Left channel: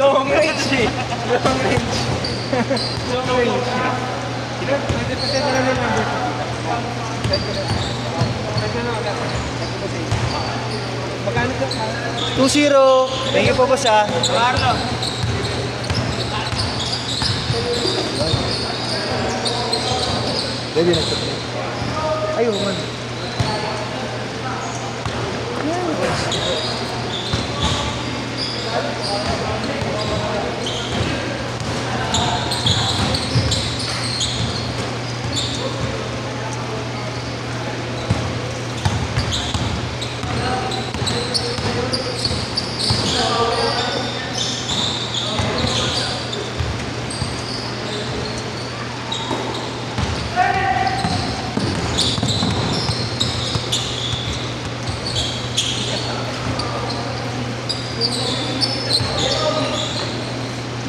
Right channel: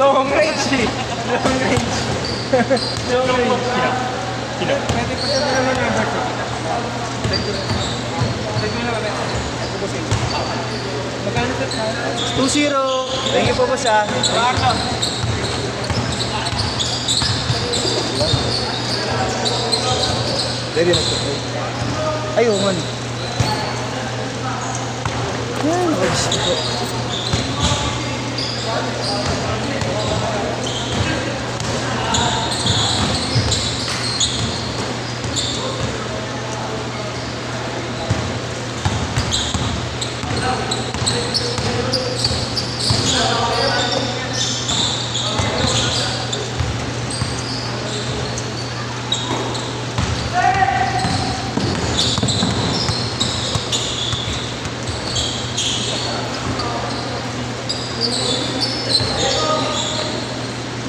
Long range eh. Long range. Long range. Pwede pa siya dalawin yung boss. Magkano po? 2-0. Thank you po boss ah. Ready na ito. Ayun man.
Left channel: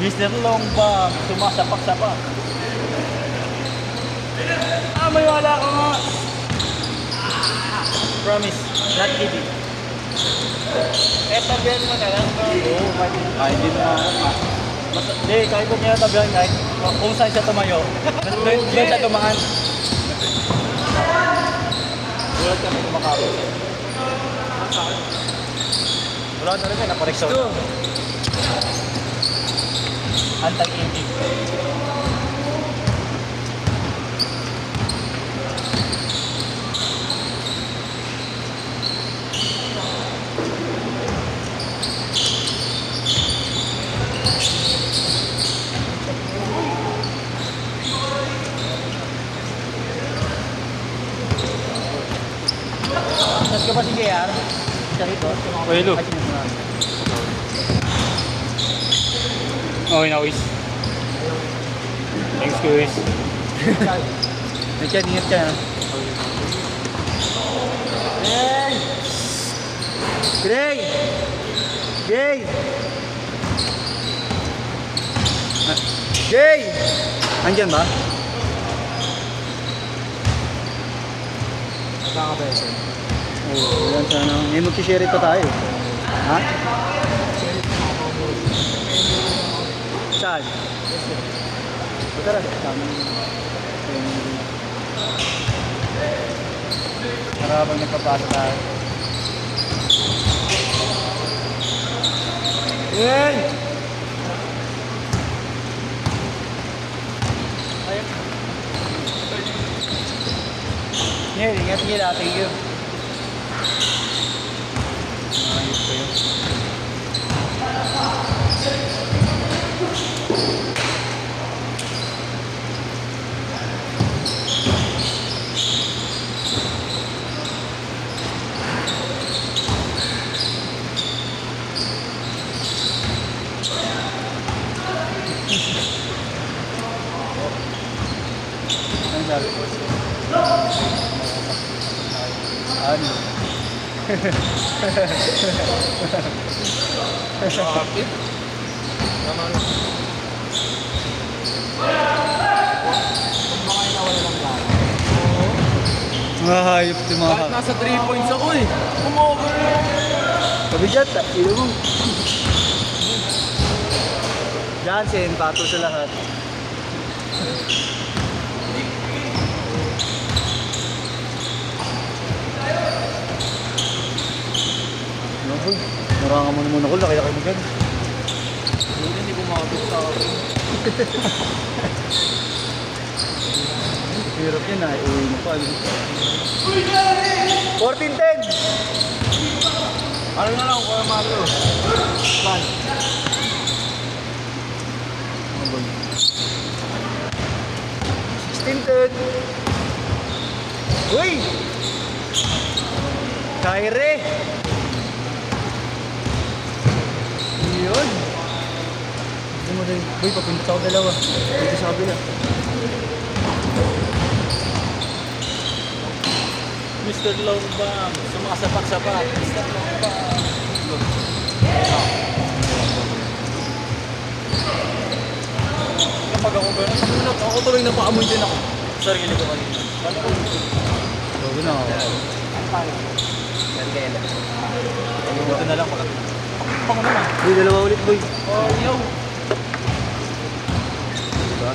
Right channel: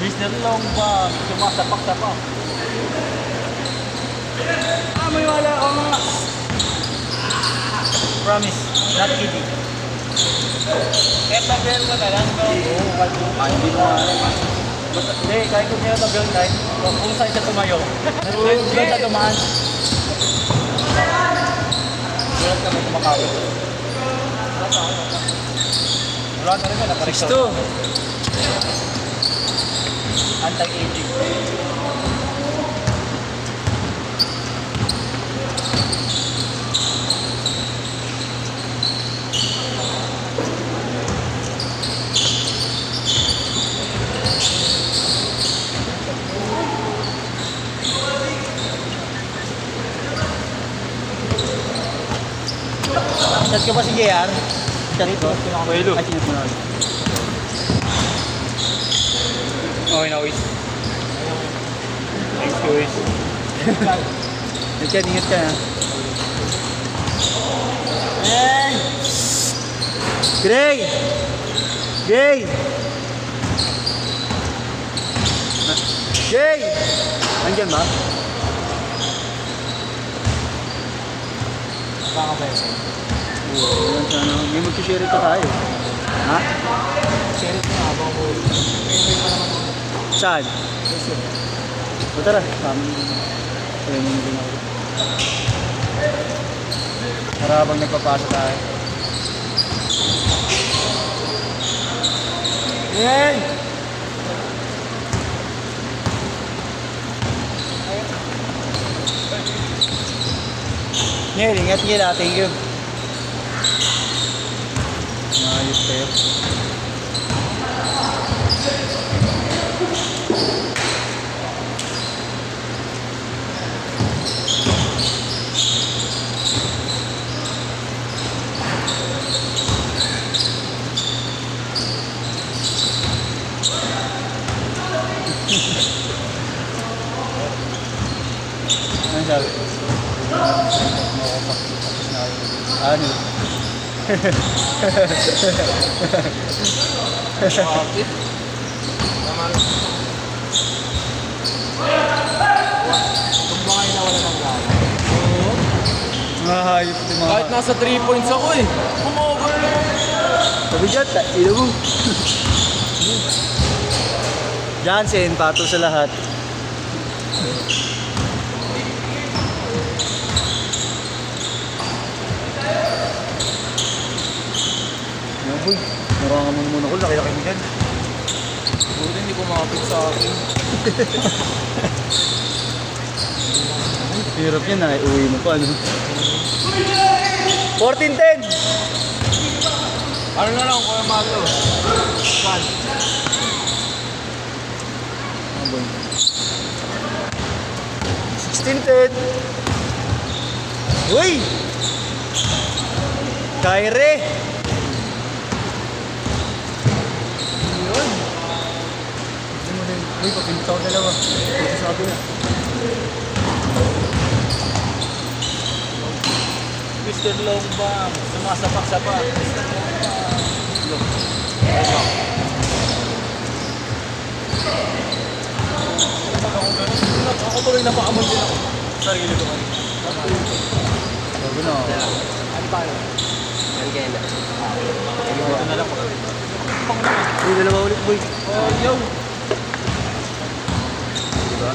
Mr. Long ba? Sumasapak-sapak. May wala ka mga. Promise. Not kidding. Tabihan mo na lang. Hindi mo nga. Hindi, kahit kung niya tabihan kahit kung saan siya tumayo. Doon siya tumaan. Doon ka may tumakabot. Wala na rin ka, naparekso. Anti-aging. Saan ka ba sige yan? Siya rito? Pwede. Ay, sinusunod. Okay na, Uis. Thanks, Uis. Ingat ka ha. Gray! Gray! Gray! Nandiyan ba? Nakakabesa. Oo, may mag-share ito tayo. Ha? Share it. Saan? O tara. Para habang nagpapasa tayo. Yan! Ngayon, ingat nila. Thank you. Ayos ko yun. Ano sabi ko? Ano? Kapit. Tama rin. Nahayop ito mga. Kahit nasa 3 points ako eh. Kumover na ako. Kabigat, ilo mo. Jansen, pato sa lahat. Ano boy? Marangan mo naman ako, laki-laki mo dyan. Buti hindi kumapit sa akin. Hirap yan, uwi mo pa. Ano? 14-10! Ano na lang, Kuya Malo? Saan? Ano boy? 16-10! Uy! Kaire! Yun! Gusto mo rin. Uy, papinta ko dalawa. Dito sa kabila. Mr. Long Bang, sumasapak-sapak. Kapag ako gano'n, ako tuloy napakamon din ako. Sarili ko kanina. Bago na ako. Ano tayo? Melgela. Ito na lang. Uy, dalawa ulit, boy. Oh, yo. Diba?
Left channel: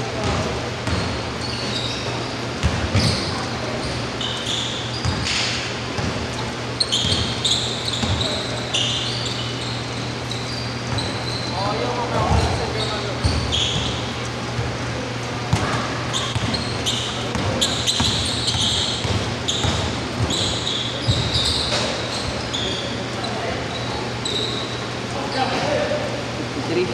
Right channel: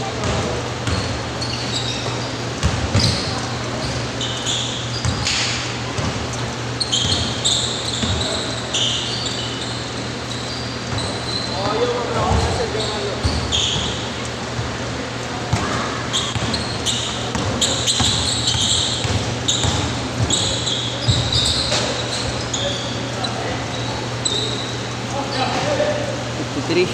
Oh, yo, mga Instagram ako. Three.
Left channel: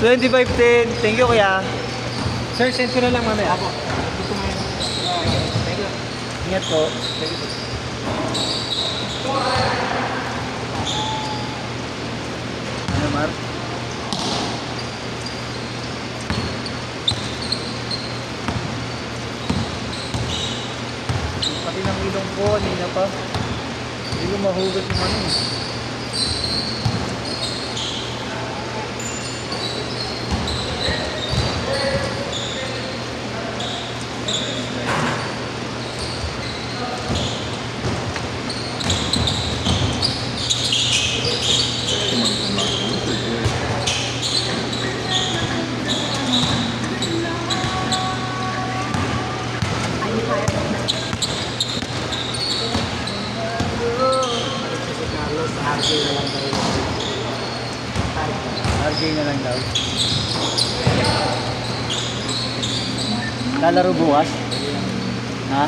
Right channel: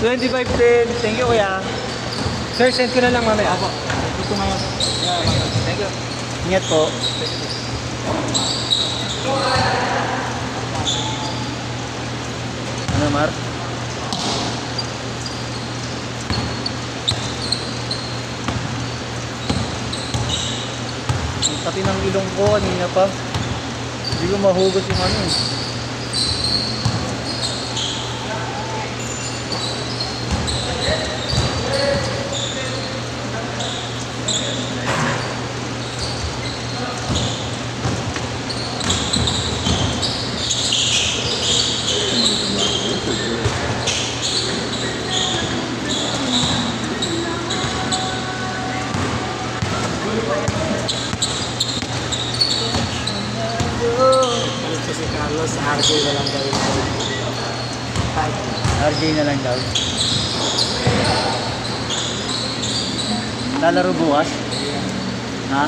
$25.10. Thank you, kuya. Sir, send ko na lang mamaya. Thank you. Ingat po. Ano, Mark? Pati ng ilong ko, kanina pa. Hindi ko mahugot yung ano eh. Si Carlos, RJ na lang tayo. RJ na lang daw. Lalaro bukas? Ha?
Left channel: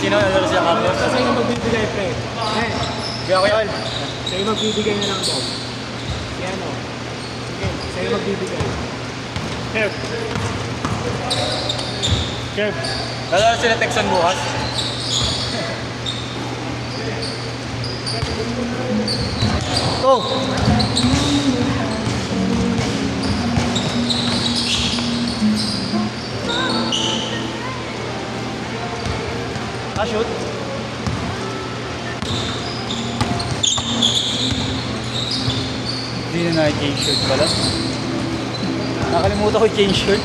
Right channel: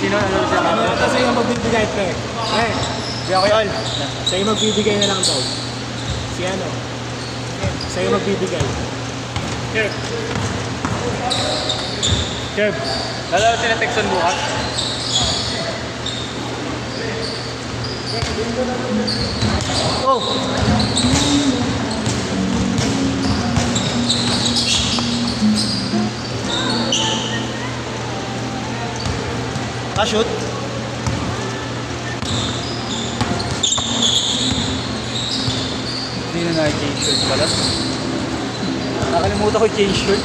Sino? Ano siya? Kasi yung magbibigay pa eh. Eh, Di ako yun. sa'yo magbibigay na lang daw. Si ano? Eh, sa'yo magbibigay. Kev. Kev. Lalaro sila Texan bukas? Oh! Shoot? Hindi na change shirt pala. Nakalimutan ko change shirt.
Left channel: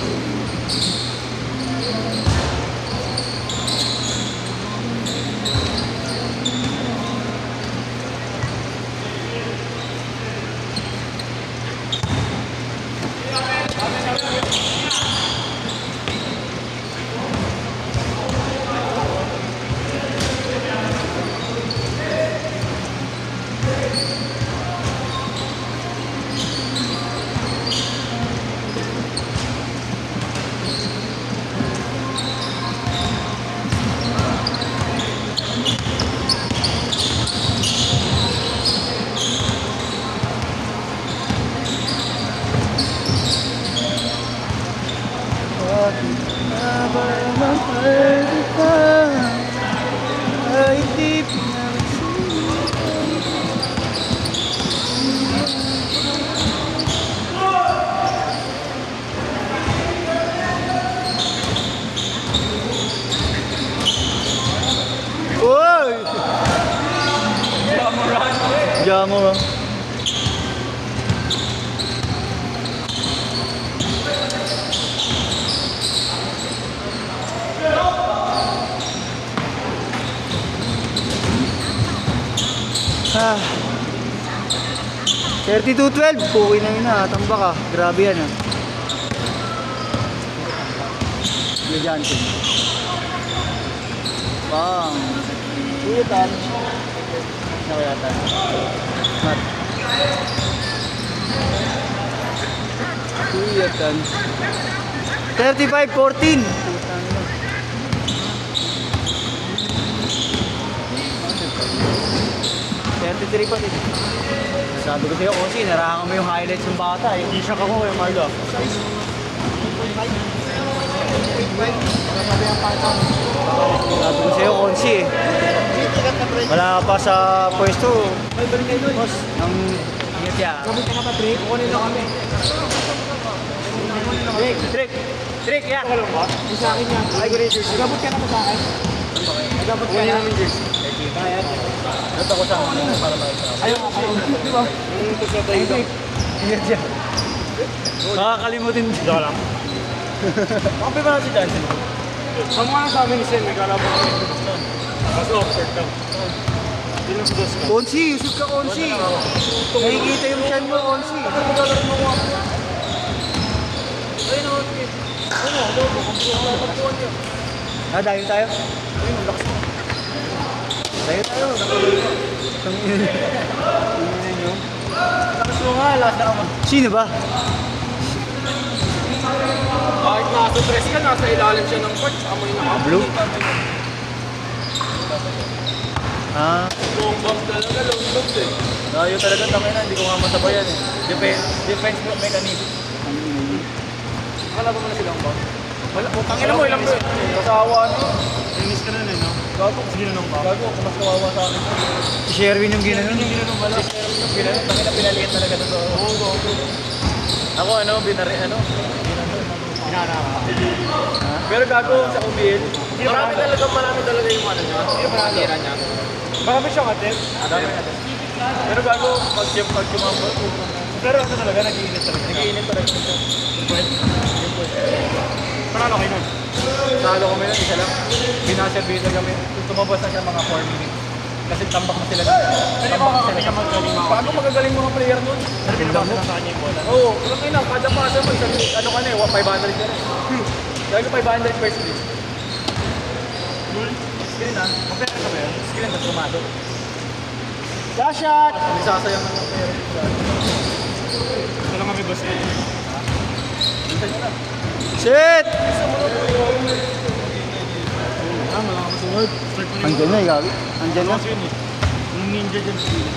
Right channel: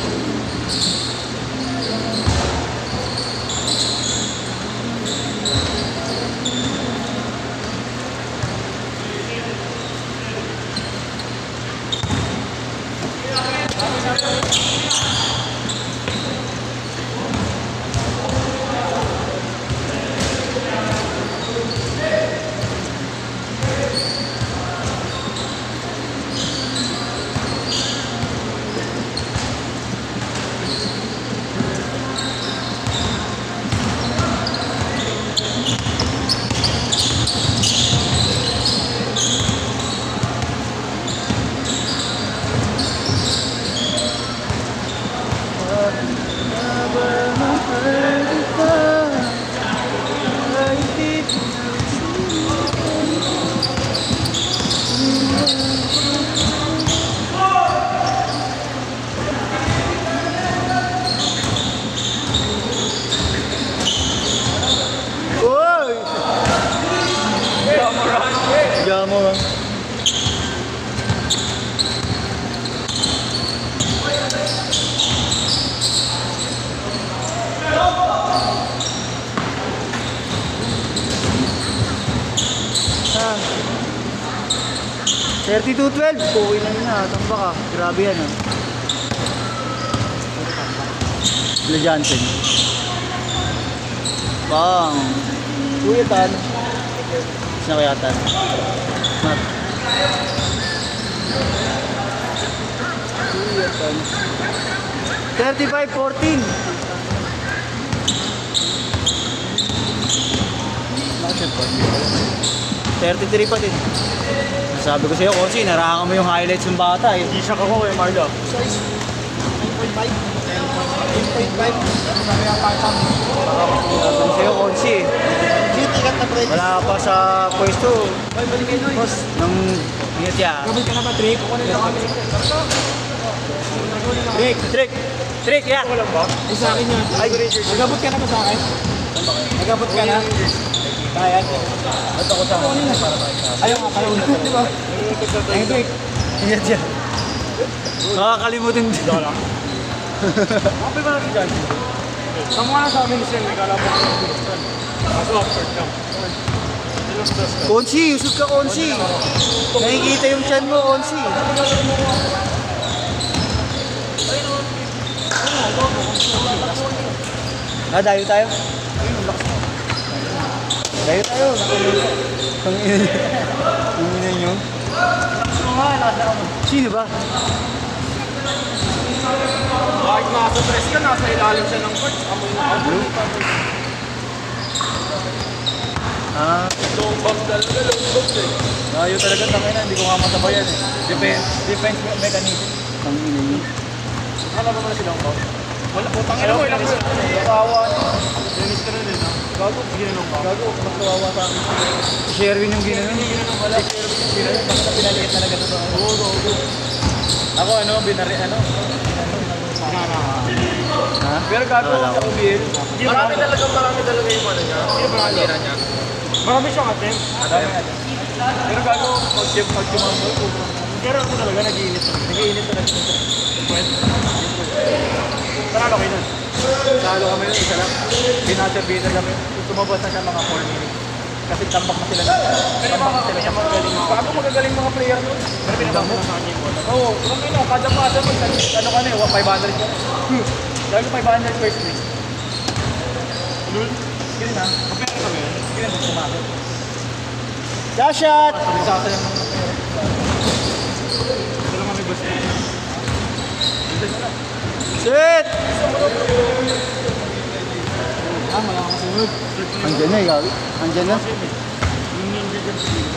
Jamo. Ah. 32-12. Puwi na yun ah. Tamba ka. Grabe yan ah. Le Johnson. Bang. Kuya Tan. Na kaya Tan? Mat. Kuya Tan. 35-14. 33 pa din. Sabi ko sa'yo, Kosi, narangan mo yung highlights ng bata eh. T-shirt ako kay Marlo. Sabi sa'yo, Onsi. Wala pa sa pwesto. Boss, nang ingat siya. Gabit ka na ba, Trick? Kukunin na kami. Trick, yeah. Ako lang ba? Isa akin yan. Ay, good jersey. Gabot ka na ba sa akin? Gabot ka na. Ba't ako sama mo para makita? Ayaw mo, di ba? Ay, Trick. Ingat siya. Makakalimutin din. Kapit ka natin dyan. Ang mga sa amin ni Sir, may kalaban ka ng Boston. Kaso offered lang. Onsi, usog ka Onsi. Nakikita yung chan mo, Onsi. Dayo tayo. Dayo tayo. Sino ba? Kahit nasa stress ka, nasa ilalim siya ng coach. Amoy na amoy. Ah, Long box talaga, long box eh. dayo talaga tangay na, hindi ko nga matabayan eh. Defense mechanism. Wala ba mga silang box? Wala, putangin mo, ilang mo. Kasawa na yun. Linis ka na nila. Gago, sige na nung Gago, mas kawawa sa akin. Si Sherwin yung ginanon. ginanong pala. Pinaliit talaga to. Oo. Ako binari Inara ka. Pero gago sa OBL. Marami talaga yung ano niya. Yung pangalira niya. Marami siyang attempt. Dami na. Pero gago pag kumambot. Pero ano talaga, nag-iinit talaga. Nag-iinit talaga. Talo kayo nun. Talo kami na isa lang. Binaservita kami. Tumabas na siya mga 4 minutes. Kasi tambak na sila nito. Tambak na sila. Paano magagaling mga player nun? Ano pinapasok sa kanya yung bola? Oo, ano na, kada pasa mo, ano ka na eh, 500 ka na. Lagi 500 first place. Screen na. Kapera ka ba yan? Screen na pumasok. Last shot! Sasayang ng mga player. Ito naman may gusto. Shit! Malakas kasunod. Andiyan na, ikaw. Andiyan na. Yung ninja dyan sa gilid.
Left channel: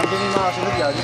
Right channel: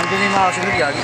Andiyan na yung mga kasunod, Yagi.